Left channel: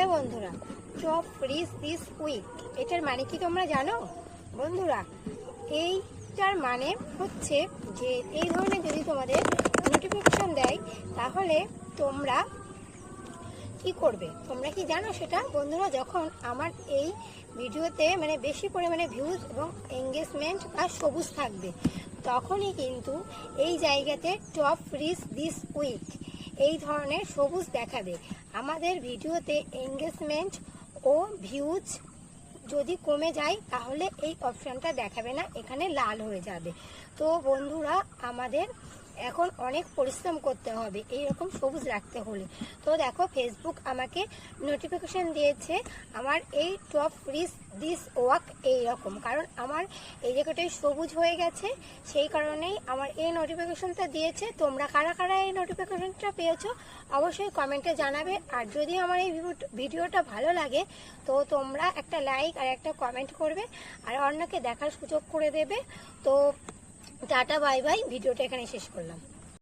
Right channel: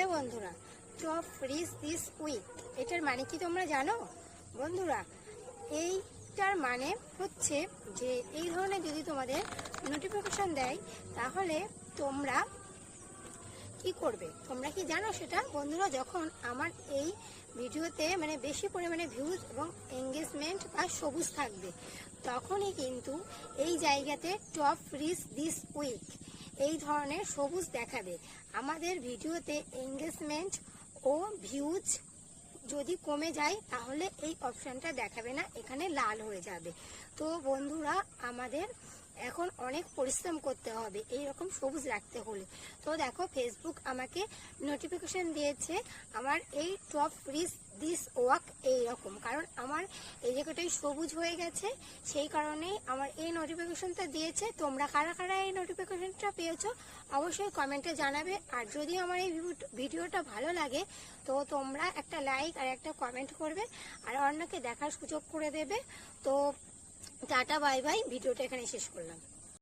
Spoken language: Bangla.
হ্যালো বন্ধুরা, টপ ফ্রিজ দিস উইক এটার মানে কি তোমরা জানো? বন্ধুরা, এইটার মানে হচ্ছে যে এই ধরনের যদি তোমাদের নোটিফিকেশন দেয় তাহলে তোমরা কি করবে? তোমরা কি জানো সেটা? বন্ধুরা, যখন আমার এই ভিডিওতে মানে বেশি পরিমাণে ভিউজ এবং এঙ্গেজমেন্ট বা সবুজ থাকবে তখনই কিন্তু এই জায়গাতে টপ ফ্রিজ দিস উইক এই ধরনের সবুজ দেখাবে। আমাদের ভিডিওতে এঙ্গেজমেন্ট ও ভিউজ যদি কমে যায় তাহলে এই অপশানটা দেখাবে না, এখানে লাল হয়ে যাবে। তো বন্ধুরা, আমাদের এখন অনেক পরিশ্রম করতে হবে এইরকম সবুজ রাখতে হলে। তো দেখো, ফেসবুক আমাকে নোটিফিকেশন দিয়েছে আমার এই টপ ফ্রিজ দিস ওয়াক এইরকম, কারণ আমার এই জায়গাটায় সবুজ হয়ে গেছে, সেই কারণেই আমার এই নোটিফিকেশনটা দিয়েছে। তোমরা কারা কারা এই নোটিফিকেশনটা পেয়েছো অবশ্যই কমেন্টে জানাবে। আর যদি আমার এই ভিডিওটা ভালো লাগে তো তোমরা একটা লাইক আর একটা কমেন্ট করবে আর অন্যকে দেখার সুযোগ করে দেবে। তো টাটা, বাই বাই, ভিডিওটা এখানে শেষ করলাম।